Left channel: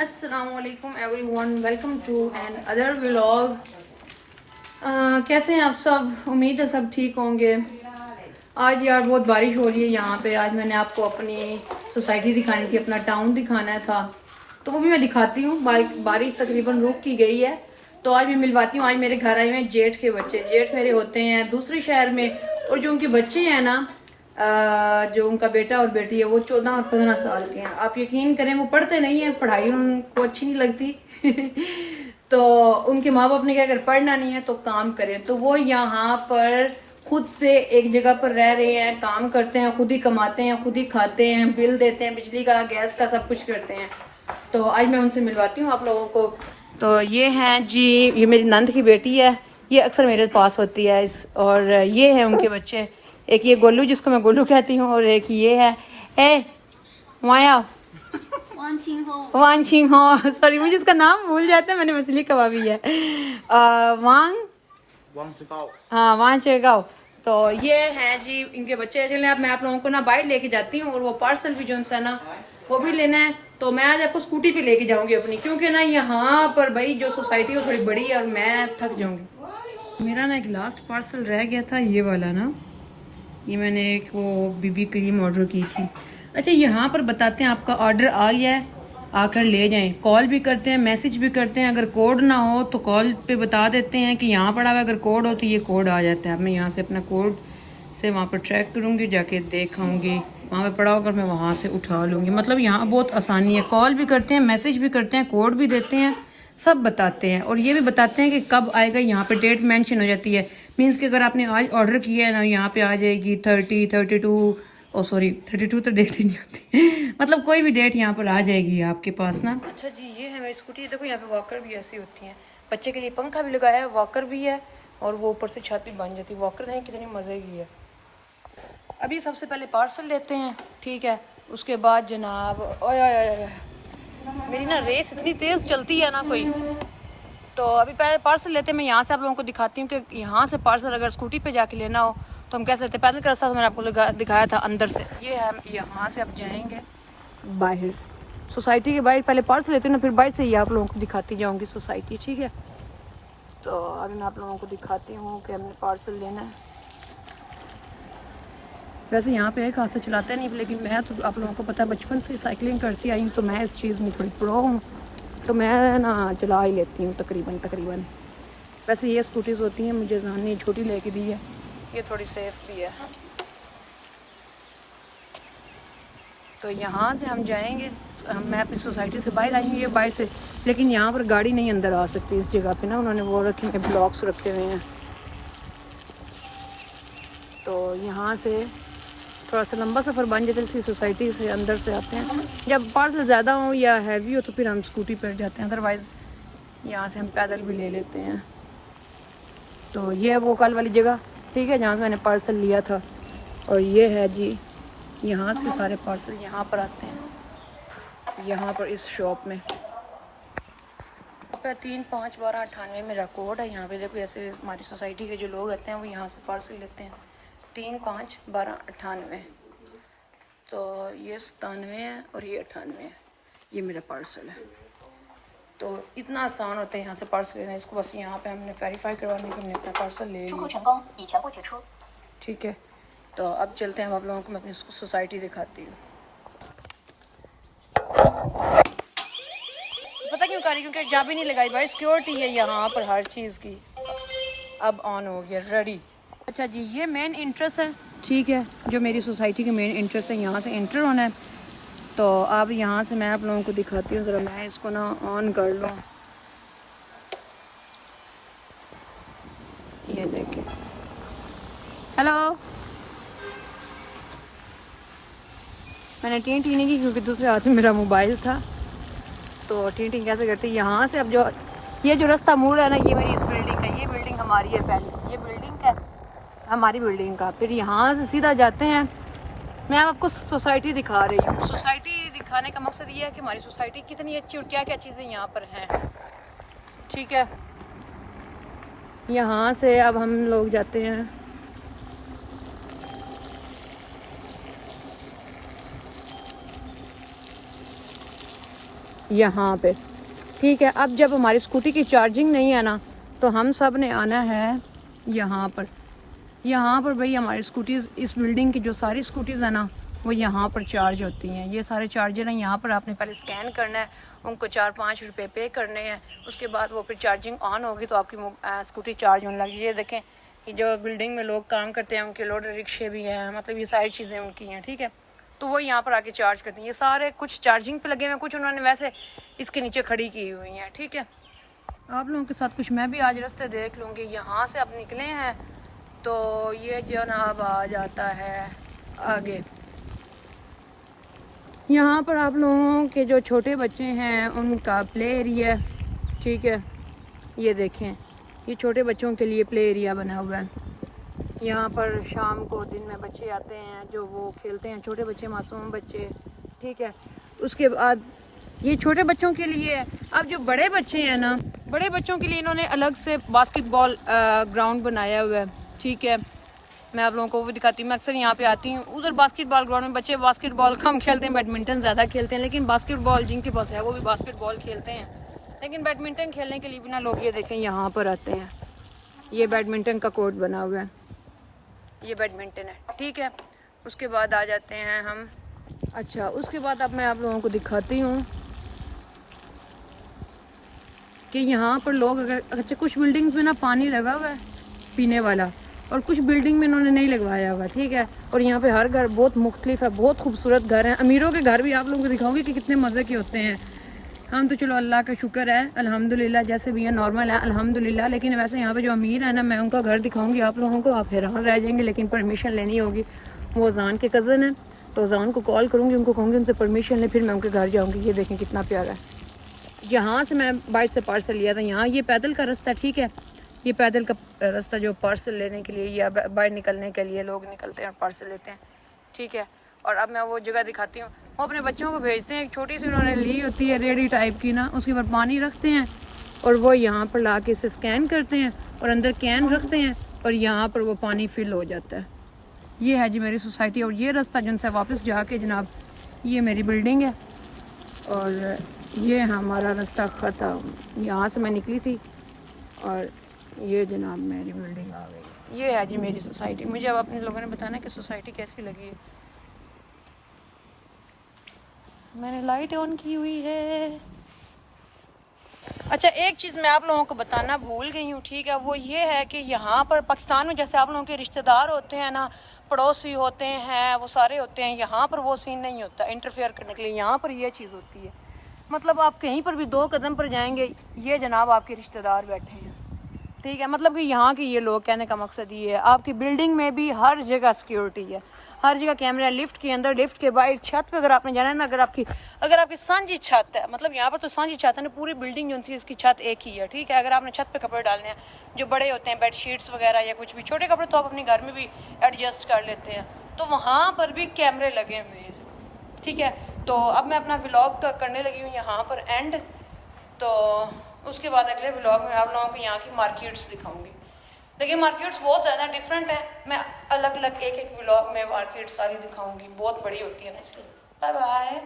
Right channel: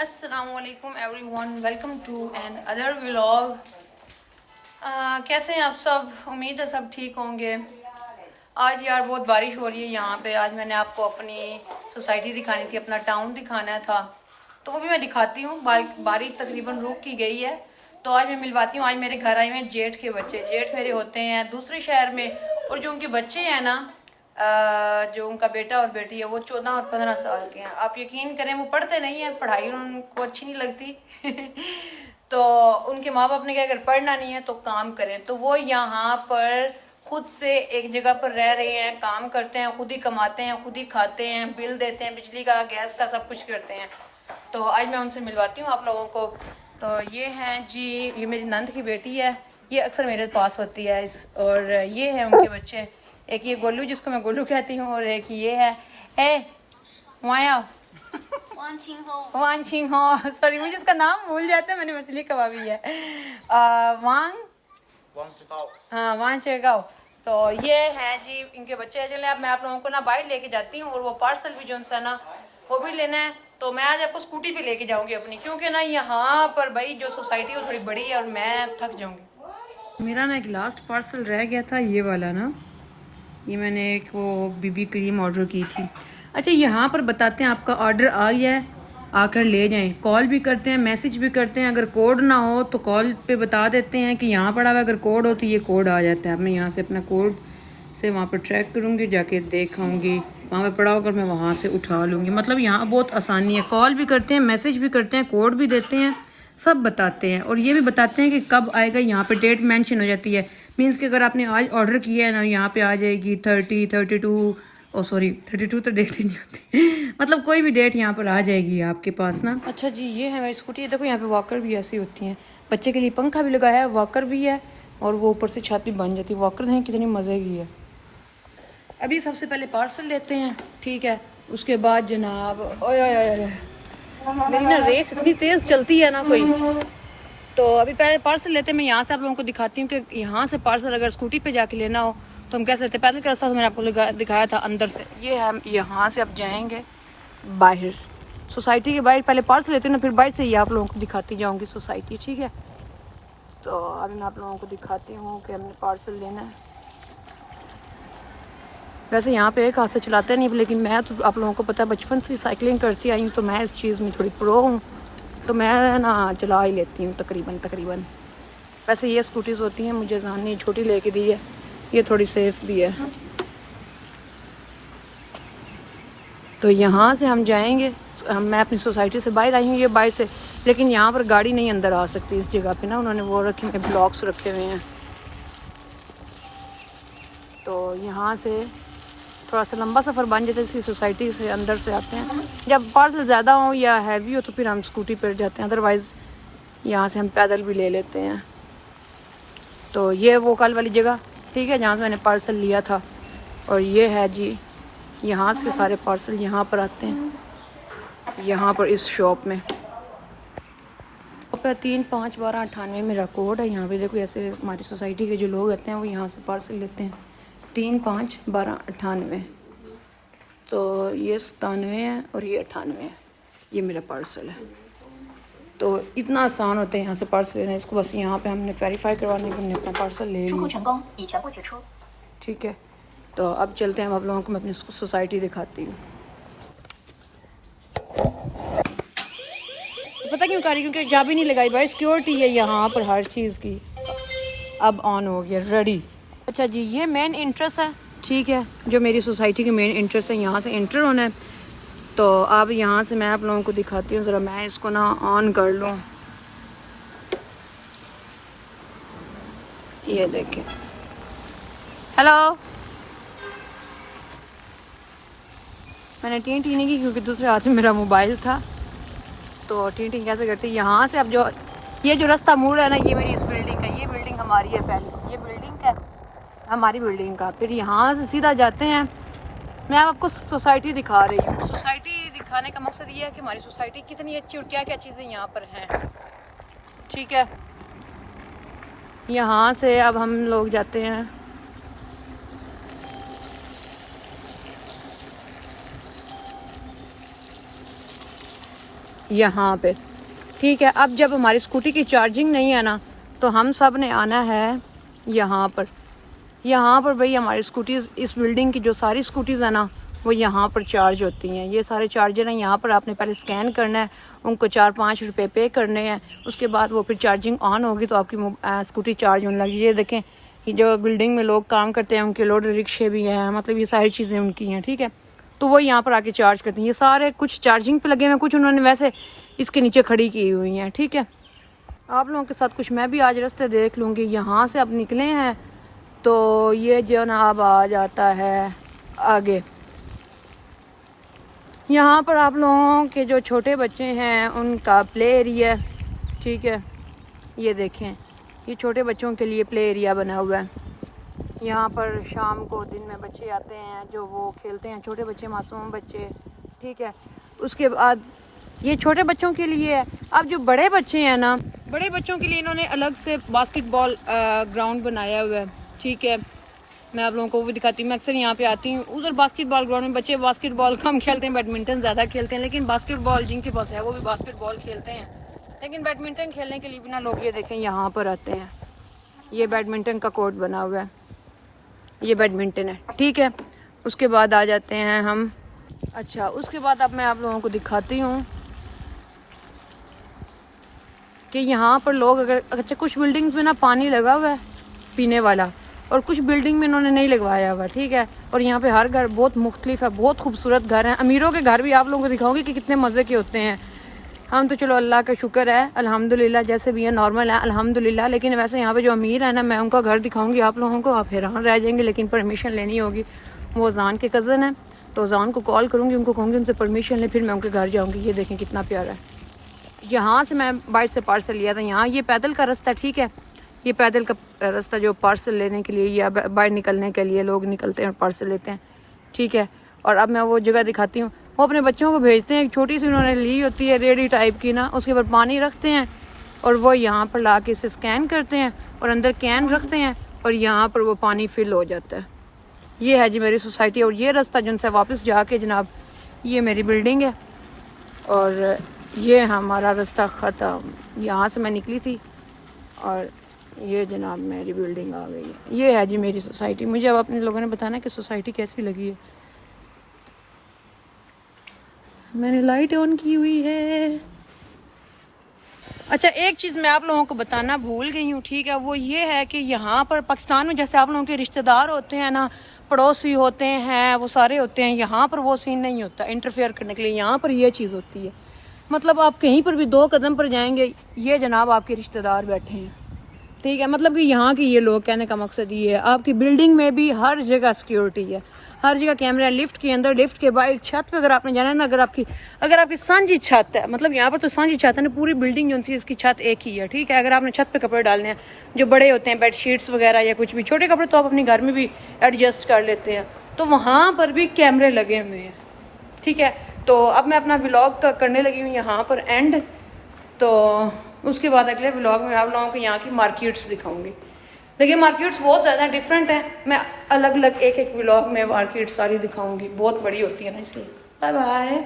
अस्सलामुअलैकुम everyone, welcome to another vlog. कैसे हैं आप सब? उम्मीद है सब ठीक होंगे। आज यार बहुत बारिश हो रही है यहाँ पे। आज मैंने आपको अपनी सोसाइटी दिखानी थी, अपना टाउन दिखाना था, तो वो भी मैं दिखाती हूँ। बारिश तकरीबन रुक की गई है, तो आज मैं मिलवाती हूँ। आज मेरे घर आए हुए हैं जेठ के बच्चे। जेठ मेरे होते हैं दूसरे शहर में, और जो उनके बच्चे हैं ना, जो उनका बेटा और बेटी है, वो 14 और 15 साल के हैं। आप यकीन करें, वो पढ़ते नहीं हैं, पढ़ाई उनको अच्छी नहीं लगती तो उनके माँ बाप ने क्या, अगर पढ़ना नहीं है तो काम करें। तो वो यहाँ पर खुद से एक जगह पर रह रहे हैं, काम करते हैं, खुद ही कमाते हैं, खुद ही खाते हैं, बिल देते हैं, बिजली का, गैस का, सब कुछ करते हैं। तो आज मैं उनसे मिलवाती हूँ आप लोगों को। तो ये हैं जी, ये मेरी नंद की बेटी है, ये अक्सर मेरे पास होती है। और ये है उनके बच्चे, एक ये गोलू जिसको मैं गोलू कहती हूँ, और एक ये है माया वान छिंग हो। सॉरी, मुझे इसका नाम भूल जाता है, मैंने मछली कबाबी है। वांग हाँ, वांग चेगाओ। तो ये है जी इनके बच्चे। चले अब मैं आप लोगों को ना बाइक लेके जाती हूँ, और वो पार्सल भी जो है ना वो भी लेना है। तो मैं आज आपको स्कूटी पे लेके जाऊंगी अपनी, क्योंकि ना यहाँ पर भाई जो सोसाइटी है थोड़ी बड़ी है और मैं थक जाऊंगी। मेरा ना एक लास्ट पार्सल रह गया था, ये वाला ना, ये मैंने एक वो बीबी क्रीम ऑर्डर की थी। अच्छा, यहाँ पर बताते हैं आपका ऑर्डर आ गया है, आकर ले जाएं। कॉल भी करते हैं, मैसेज भी करते हैं। अगर कोड ना हो तो कॉल पे बता देते हैं कि यहाँ पड़ा हुआ है, अगर कोड हो तो ये कोड आ जाता है। अब मैं यहाँ से अपना कोड से वहाँ पर ट्रैक करूँगी, जाके देखाऊँगी, वहाँ पे पड़ा होकर मैं वहाँ से उठा लूँगी। मतलब यहाँ बहुत आसानी है, कॉल भी करते हैं, मैसेज भी करते हैं, कोड भी देते हैं, सब बताते हैं। और ये भी बताते हैं कि कब आएगा, यहाँ पे डेट मेंशन हो जाती है। मीन्स कि अगर आपने आज ऑर्डर किया है ना, यहाँ पे आ जाएगी 30, 32, ओ सॉरी 32 तो डेट ही नहीं होती मतलब कोई भी डेट यहाँ पर आ जाएगी आपके पास ना। अच्छा जी, ये है मेरी स्कूटी। देखो यहाँ पे वॉकर भी ऐसी होती हैं, बच्चे के लिए पंखा भी लगाया है, वॉकर भी है, और वो ऊपर से छत भी बन जाती है। वॉकर हैं कितनी मज़े की है। अभी सबसे पहले पार्सल लेते हैं, ठीक है। उसके बाद जनाब, ओए ओए ओए, मेरी ना रेस इतनी तेज़ चलती है ना कोई। तो अभी पहले पार्सल लेते हैं। मैं यहाँ से आप लोगों को दिखाती हूँ कि यहाँ से पार्सल अगर स्कूटी पे जाके लेना हो तो हम कैसे लेते हैं। पहले का रास्ता तो मैंने आपको दिखाया था अंदर से। ये है, यहाँ से आप जाएंगे बाहर, सोसाइटी के बाहर। पहले पार्सल लेते हैं ना, फिर बाहर से ही आप लोगों को दिखाती जाऊँगी सोसाइटी, ठीक है। तो अभी मैं आप लोगों को दिखाती हूँ कि हमने पार्सल लेना है। वैसे यहाँ पे एक हाथ से चलाते नहीं, लेकिन मैं तो आप लोगों को पता है बचपन से साइकिलिंग करती आई हूँ, तो मैं इस चीज़ में थोड़ी प्रो हूँ, तो मैं ना चला ही लेती हूँ तकरीबन। वैसे ये स्कूटीज़ होती हैं, मुझे जहान ने छोटी लेके दी है, ये थोड़ी सेफ भी है। तो यहाँ से हम जाएंगे, मैं अपनी सोसाइटी से बाहर आई हूँ, ये बाहर से, लेकिन यहाँ पर गाड़ी नहीं अंदर आ सकती। इस जगह पे ना उन्होंने वो रखे हुए ब्लॉक्स रखे हुए हैं। तो यहाँ से थोड़ा सा लंबा सफ़र बन जाता है, इसकी सोसाइटी से अंदर से आते हैं। जब पार्सल ज़्यादा हो या हैवी हो तो फिर हम स्कूटी पर जाते हैं, अदरवाइज़ यहाँ से हम पैदल भी ले लेते हैं। तो ये वो कल वाली जगह, ठीक है, जहाँ से मैंने पार्सल लिया था। और ये है जी, यहाँ से सारे पार्सल यहाँ पर आते हैं, यहाँ पर इस शॉप में। 3-5-12-98 मेरा कोड है। यहाँ पे देखो, ऐसे हमारी सोसाइटी के जो लोग आते हैं वो यहाँ से पार्सल लेते हैं। 3-5-12-98। तो ये 97 है और ये 98 है, ये मेरा पार्सल है। तो इतना आसान होता है यहाँ से पार्सल लेना। इसको बस यहाँ पे हमने वेरीफाई करवाने के हमने अपना पार्सल ले लिया, ठीक है। तो अब चलते हैं, अब आप लोगों को मैं अपनी सोसाइटी दिखाती हूँ। पता क्यों कर रही, क्योंकि चाबी नहीं लगाई भाई, सिक्योरिटी है यहाँ पर हर चीज़ की। अब ऑन हो गया, रेडी। अच्छा जी, ये मेन एंट्रेंस है, ठीक है, जो मेरी सोसाइटी की मेन एंट्रेंस है, यहाँ से एंटर होना है। तो अब यहाँ से मैं आप लोगों को दिखाती हूँ, ज़रा मैं इसको ना ऑन कर लूँ। ये देखें, हेलो। मैंने टी नहीं की क्योंकि दूसरे हाथ में मेरा मोबाइल था। तो टी कैसे करती, यहाँ से अब जो ये जो रास्ता मुड़ है ना, ये मेरी इस बिल्डिंग का, ये बिल्डिंग हमारी है पहले, ये बिल्डिंग है हमारी बिल्डिंग का। फिर यहाँ से सीधा जाते हैं। मैं आपको सोसाइटी दिखा रही हूँ। सोसाइटी दिखाने का मकसद ये है कि हमारी सोसाइटी कितनी अच्छी और क्या क्या चीज़ें यहाँ पर हैं, ठीक है। यहाँ से अब हम लोग जाते हैं, यहाँ पे, ठीक है। अब जब हमारी स्कूटी की चार्जिंग नहीं है ना, तो हम सब ने आना है यहाँ पर। यहाँ पर भाई हमारी स्कूटीज़, इस बिल्डिंग की जो सारी स्कूटीज़ है ना, वो यहाँ पर चार्ज होती हैं। ये सारे चार्जर हैं, यहाँ पर आपने पहले स्कैन करना है, उनको 4-5 रुपए पे करने हैं, उसके बाद वो फिर चार्जिंग ऑन होगी तो आपकी स्कूटी चार्ज होने लगी। ये देखें, ये जो बिल्डिंग में लोग काम करते हैं उनके लोड रिक्शे भी हैं, मतलब ये सारी चीज़ें उनकी हैं, ठीक है। तो वो यहाँ पर आके चार्ज करती हैं। ये सारे कुछ चार्जिंग पे लगे हुए हैं, कुछ उन्होंने वैसे इसके नीचे खड़ी की हुई हैं, ठीक है। आप लोगों के साथ कुछ मैं भी आज रास्ते देख लूँगी। यहाँ से अब निकले हैं तो ये जो ना अब आ जाता है आगे। यहाँ पर आप लोगों के जो छोटे बच्चे हैं उनका प्ले एरिया, ठीक है। ये देखें, ये छोटे बच्चों के लिए प्ले एरिया बना हुआ है। यहाँ पर शाम को दिन में बच्चे आते हैं जो वो खेलते हैं, छोटे बच्चे, मासूम बच्चे, ठीक है। उसके बाद ये छोटे बच्चों के लिए है। अब जो बड़े बच्चे हैं ना, बड़े बच्चों के लिए इन्होंने अलग से बास्केटबॉल ग्राउंड बनाया हुआ है, ठीक है। मैं आप लोगों को भी दिखाती हूँ। मैं अक्सर यहाँ पे आती हूँ। उधर बास्केटबॉल ग्राउंड में बच्चे बास्केटबॉल कम खेलते हैं, बैडमिंटन ज़्यादा खेलते हैं, लेकिन बास्केटबॉल जिनके पास है वो भी बास्केटबॉल खेलते हैं। लेकिन बैडमिंटन खेलने के लिए भी ना लोग ये देखें यहाँ पर आते हैं। ये बैडमिंटन का कोर्ट बना हुआ है, ये बैडमिंटन है, ठीक है। उसके बाद आ जाते हैं हम, अच्छा उसके बाद अब मैं आप लोगों को दिखाती हूँ कि यहाँ पर लोग अगर, अच्छा कुछ बिल्डिंग्स में ना पानी लगा हुआ है पीने वाला, और कुछ बिल्डिंग में इन्होंने नहीं लगवाया हुआ, ठीक है। और यहाँ पे हर घर बहुत मुख्तलिफ है, बहुत खूबसूरत घर हैं। अमीरों के घर भी आप लोगों को दिखाऊंगी कि कितने मज़े के होते हैं। हम तो चलो अल्लाह का शुक्र है, अल्हम्दुलिल्लाह, जैसे भी है नॉर्मल है अल्हम्दुलिल्लाह। लेकिन वैसे यहाँ पे जो अमीर है ना, मैं उनका घर दिखाऊंगी आप लोगों को, आप हैरान रह जाएंगे। लेकिन परमिशन लेनी होगी। वो जान के कज़न है, तो जान को कॉल करूँगी, उनको कहूँगी उनसे परमिशन ले, फिर मैं उनके घर जाऊँगी। ये देखें कितना प्यारा है। यहाँ से मैं बाइट से पार्सल लिया था। यहाँ ये पैदल का रास्ता, ठीक है। ये पैदल का रास्ता जो पार्सल लेने के लिए या बाहर निकलने के लिए लोग निकलते हैं और पार्सल लेते हैं, ठीक है। और अब मैं वो जगह दिखाती हूँ। वो अपने बच्चों को भेजते हैं, एक छोटी सी उन्होंने ली होती है रेडी टाइप की ना, उसके ऊपर पानी रखते हैं और वो यहाँ पर ला के इसे स्कैन करते हैं और अंदर कैन रखते हैं और यहाँ पर वो पानी फिल हो जाता है। ये है जी मेरी सोसाइटी। और ये रास्ता जिनसे वापस जाके जनाब, ये मेरी बिल्डिंग है और ये हमारा रास्ता ख़त्म। यहाँ से मैं निकली थी और ये जनाब मेरी बिल्डिंग आ गई। ये है जी मेरी सोसाइटी। मुझे अब अपने लोगों ने बताना कि सोसाइटी कैसी लगी है। मैंने लाइट ऑन की हुई है। अच्छा एक चीज़ मैं आप लोगों को बताना भूल गई हूँ, ठीक है। वो ये है कि यहाँ पर पाकिस्तान में जैसे आप लोगों के रिश्तेदार होते हैं ना, पड़ोसी होते हैं, वो सारे होते हैं, यहाँ पर वो सीन नहीं होता इंटरफेयर करने के लिए। यहाँ पर ये चीज़ होती है, मतलब आप कहीं पर भी 2 कदम पर जाएंगे, ये जनाब आपके रिश्तेदार बैठे हैं, ठीक है। मतलब कि यहाँ की ये लोग, कहने का मकसद ये है, आपकी बिल्डिंग में भी हर जगह सिक्योरिटी है, हर जगह कैमरा, लिफ्ट के अंदर, लिफ्ट के बाहर, छत पे अगर आपने जाना है ना, अगर आपकी सांझी छत है, मतलब यहाँ पर तो सांझी छत है ना, पूरी बिल्डिंग जो सी इसकी छत एक ही है, ठीक है। अगर आपने छत पे कपड़े डालने हैं जो बड़े होते हैं, बेडशीट्स वगैरह या कुछ भी, छोटे कपड़े तो आप अपने घर में भी एडजस्ट कर लेते हैं, तो वहाँ पर भी कैमरे लगे हुए हैं, ठीक है। तो अब मैं अपना व्लॉग का करने लगी हूँ यहाँ पर एंड, तो उसके बाद अगले व्लॉग में आप लोगों को यहाँ की मार्केट्स दिखाऊंगी। देखिए मार्केट्स बहुत ज़्यादा डिफरेंट है, मैं अलग अलग एक व्लॉग में मार्केट सारी दिखाऊंगी, बहुत बड़ी होती है ना, इसलिए। Bye bye.